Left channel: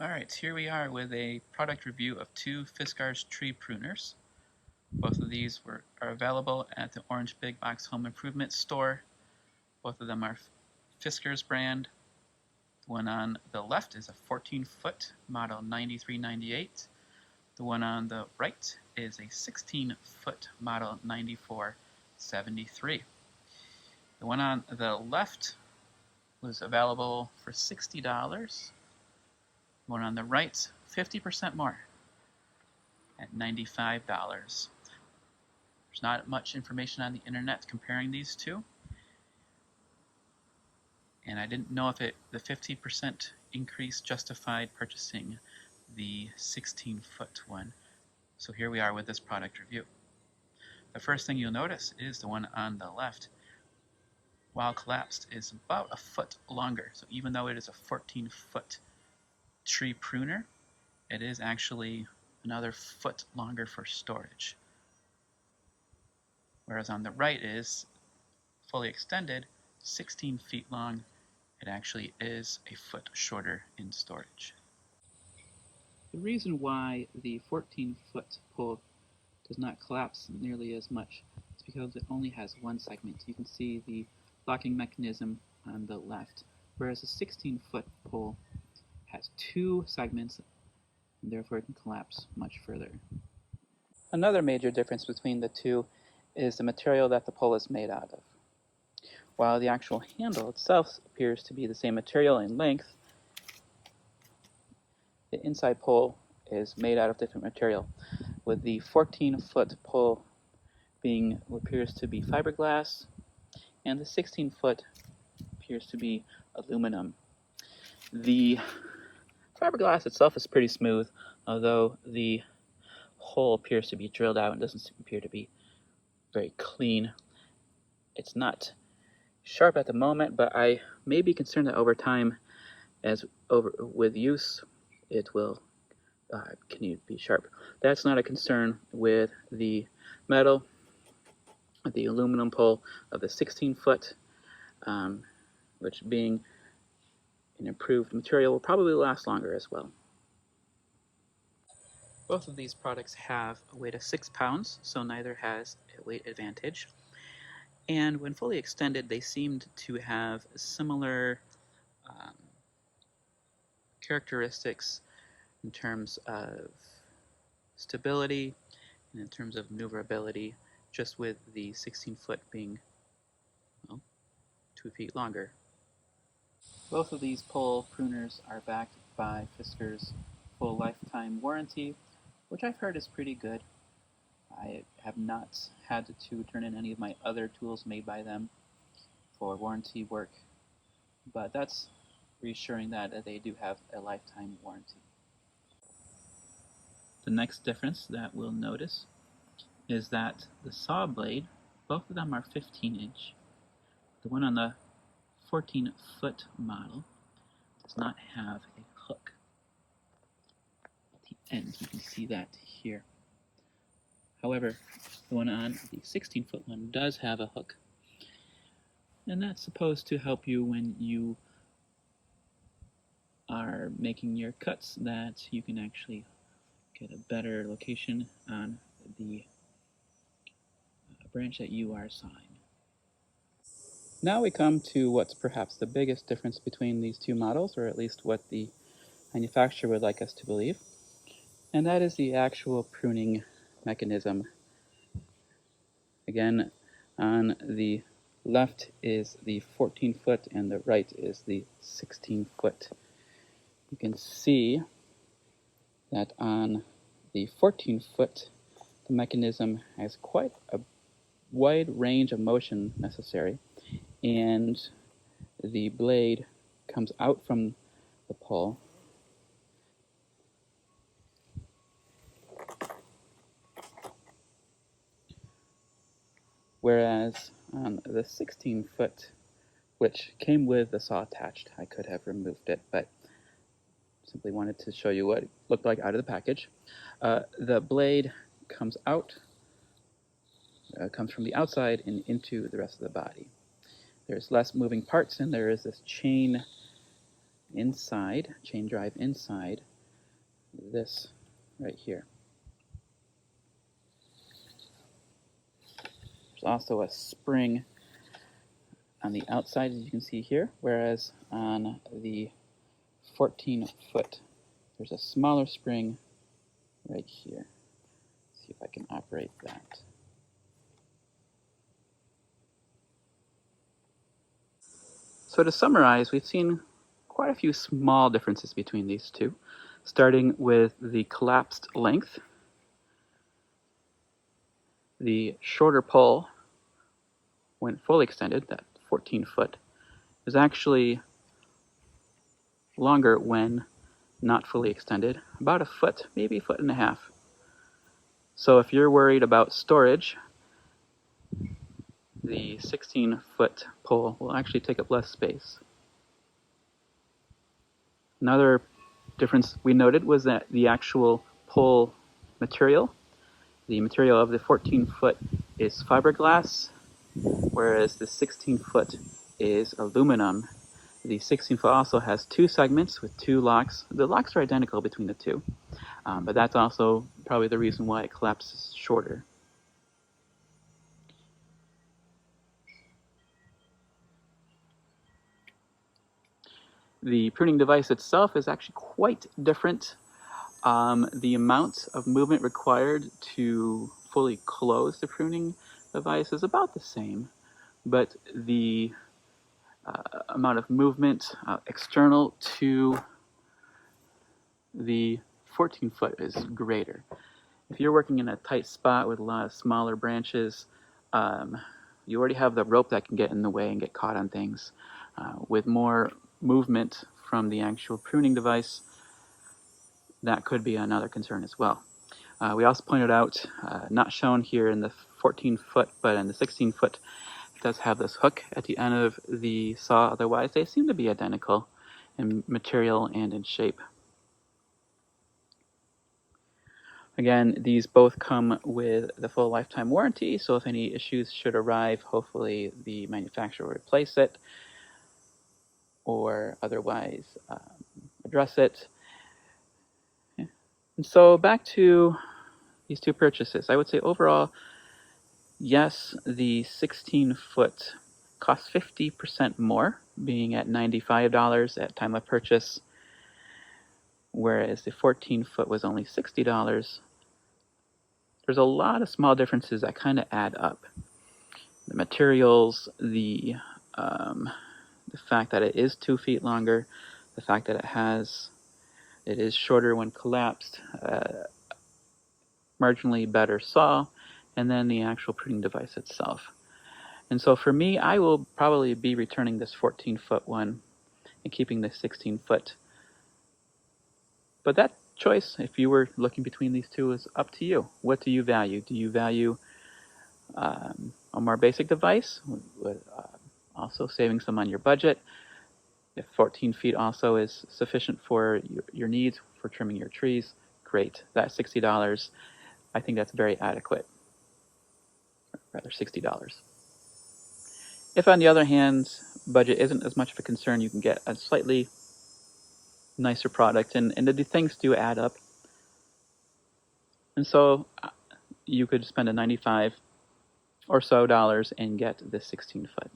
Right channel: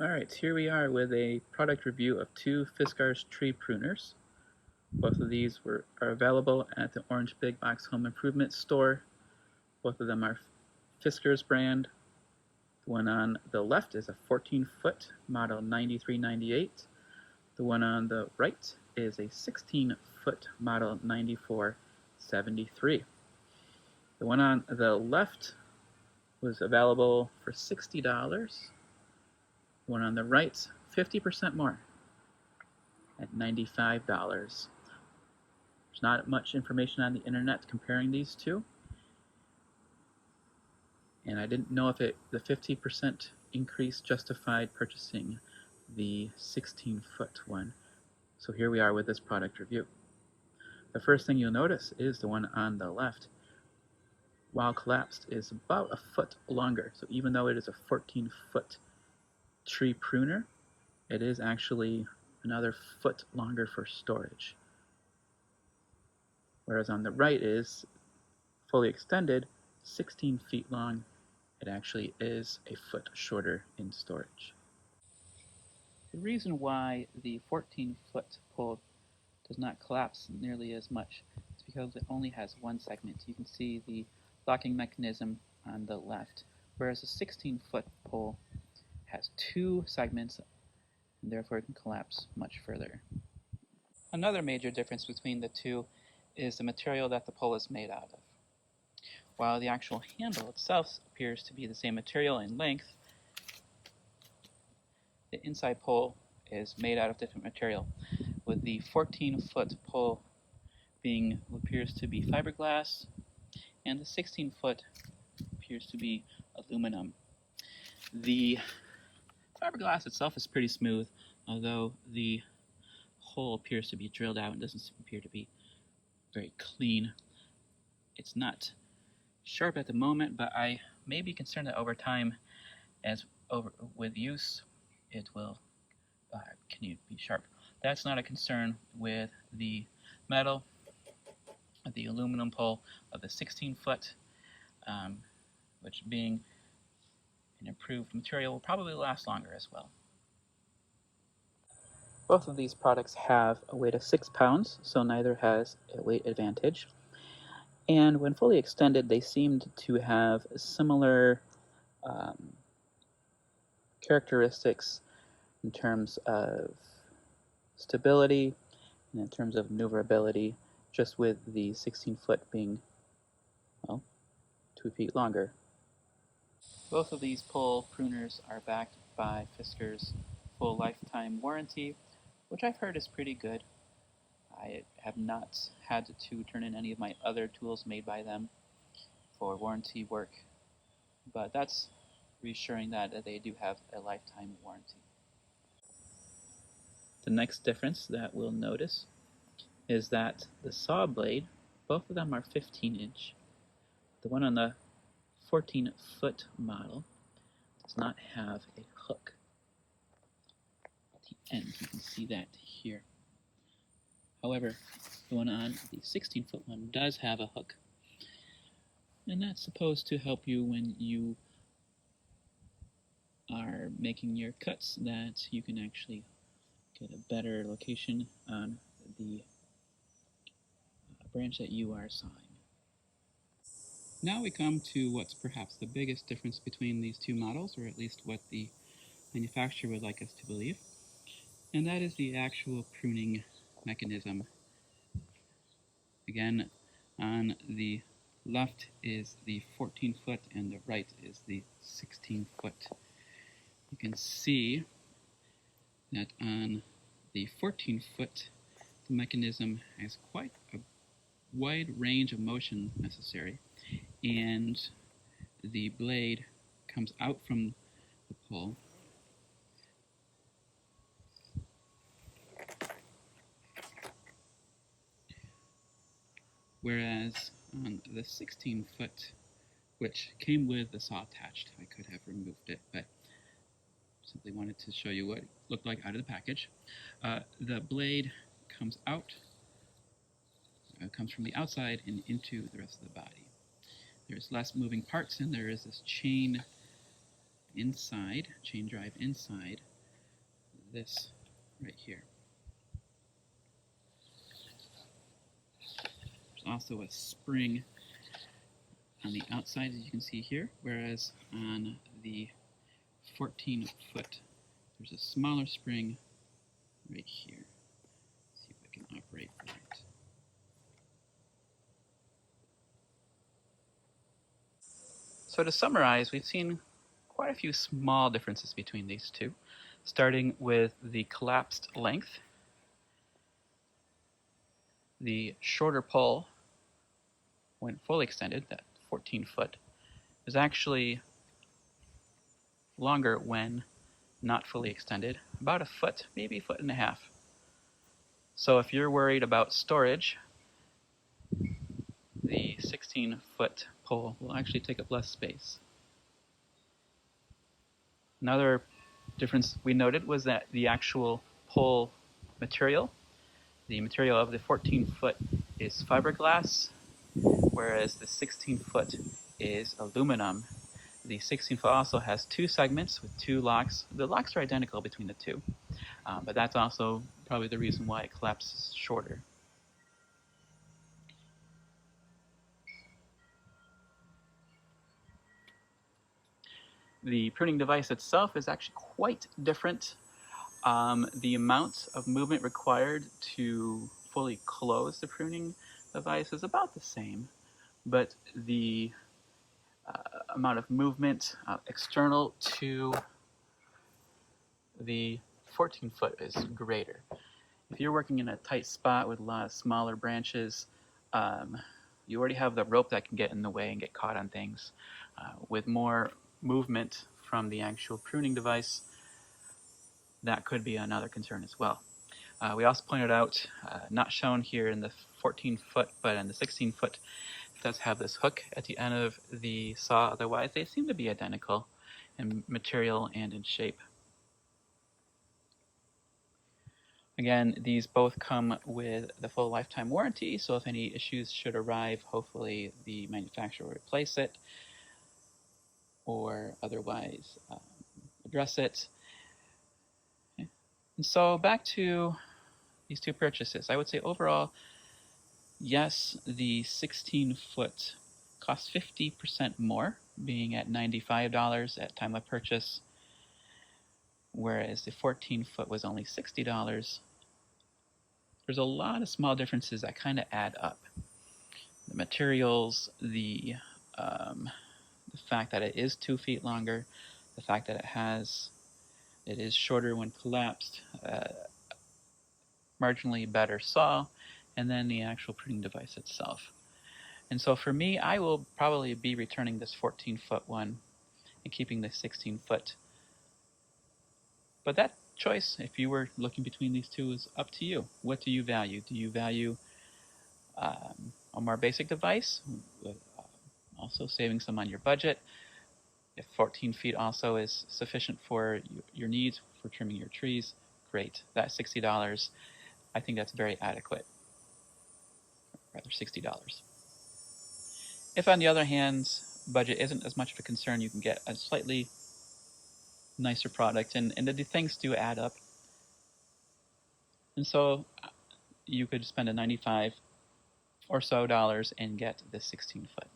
Alright, here we are with a product review of two Fiskars tree pruners. Both of these are available at the Orange Big Box Home Improvement store. Both of them are Fiskars brand. The one on the left is a 14-foot model 9398. The one on the right is a 16-foot model 9473. The one on the left was available for $60. The one on the right, 50% more at $95. There's not much information on the internet comparing these two. And I didn't know if the 50% increase justified purchasing the 16-foot one. So here we are with this product review. The first thing you'll notice is the one on the left, while collapsed, is about a foot longer. So even though it is a 14-foot tree pruner, it is actually another foot longer for storage. Whereas on the right is fully extended, 16 feet long. It actually is a foot shorter in storage. The reason why the 14-foot pole does not collapse nearly as much is because it only has one segment. You can see the locking mechanism on the left, whereas the 16-foot pole has two segments and therefore it can collapse much further. Another major difference between the two is the material that the pole is made out of. While the actual handle itself appears to be the same material in length, the inside pole is made out of different material, with the 14-foot pole being what appears to be fiberglass, and the 16-foot appears to be aluminum. The fiberglass itself is pretty smooth, although the hole appears to be drilled out and doesn't appear to be very clean. It's not sharp at the moment, but I may be concerned that over time, with use, it will continue to be sharp. That's not a concern with the metal, the aluminum pole of the 16-foot, which being an improved material will probably last longer as well. Both of these products have a weight of 6 pounds, so neither has a weight advantage. And when fully extended, they seemed to have similar characteristics in terms of stability and in terms of maneuverability, just with the 16-foot being, well, 2 feet longer. Both of these pole pruners are backed by Fiskars' full lifetime warranty, which I've heard is pretty good. I have not had to turn in any of my other tools made by them for warranty work, but that's reassuring that they do have a lifetime warranty. The next difference that we'll notice is that the saw blade, both of them are 15-inch. The one on the 14-foot model does not have a hook at the end. You can see that here. However, the one on the 16-foot one does have a hook, and that's supposed to help you when you are making your cuts, that you can actually get a better location on the branch that you are sawing. Now we come to what's perhaps the biggest difference between these two models, or at least what the manufacturer would like us to believe, and that is the actual pruning mechanism. Again, on the left is the 14-foot and the right is the 16-foot. You can see that on the 14-foot, the mechanism has quite a wide range of motion necessary, and the blade comes out from the pole whereas on the 16-foot, which came with the saw attached, I could have removed it, but simply wanted to show you what it looked like out of the package. The blade comes out, comes from the outside and into the rest of the body. There's less moving parts, and there is this chain inside, chain drive inside this right here. There's also a spring on the outside, as you can see here, whereas on the 14-foot, there's a smaller spring right here. Let's see if I can operate that. So to summarize, we've seen quite a few small differences between these two, starting with the collapsed length. The shorter pole, when fully extended, that 14-foot, is actually longer when not fully extended, about a foot, maybe a foot and a half. So if you're worried about storage, the 16-foot pole will actually take up less space. Another difference we noted was that the actual pole material, the material of the 14-foot is fiberglass, whereas the 16-foot is aluminum. The 16-foot also has two segments with two locks. The locks are identical between the two, but that's also probably the reason why it collapses shorter. The pruning device itself is actually quite different. The amount of movement required to fully close the pruning device is about the same, but the amount of movement external to the 14-foot is greater. If you're working in a tight spot with a lot of smaller branches, you already have the rope that can get in the way and get caught on things. With more movement from the actual pruning device, that could be another concern as well. We also pointed out, not shown here in the 14-foot, but in the 16-foot, it does have this hook at the end of the saw. Otherwise, they seem to be identical in material and in shape. Again, these both come with the full lifetime warranty, so if any issues should arrive, hopefully the manufacturer will replace it or otherwise address it. And so back to these two purchases. I would say overall, yes, the 16-foot costs 50% more, being at $95 at time of purchase, whereas the 14-foot was only $60. There's a lot of small differences that kind of add up. The materials, the fact that it is 2 feet longer, the fact that it is shorter when collapsed, marginally better saw, and then the actual pruning device itself. And so for me, I will probably be returning this 14-foot one and keeping the 16-foot. But that choice, if you were looking between these two, is up to you. What do you value? Do you value a more basic device with also saving some on your budget? If 14 feet also is sufficient for your needs for trimming your trees, great. That $60, I think that's very adequate. Rather, $60. If, on the other hand, budget isn't as much of a concern, you can get a slightly nicer product, and the things do add up. And so you could spend a $95 or so and get this 16-foot.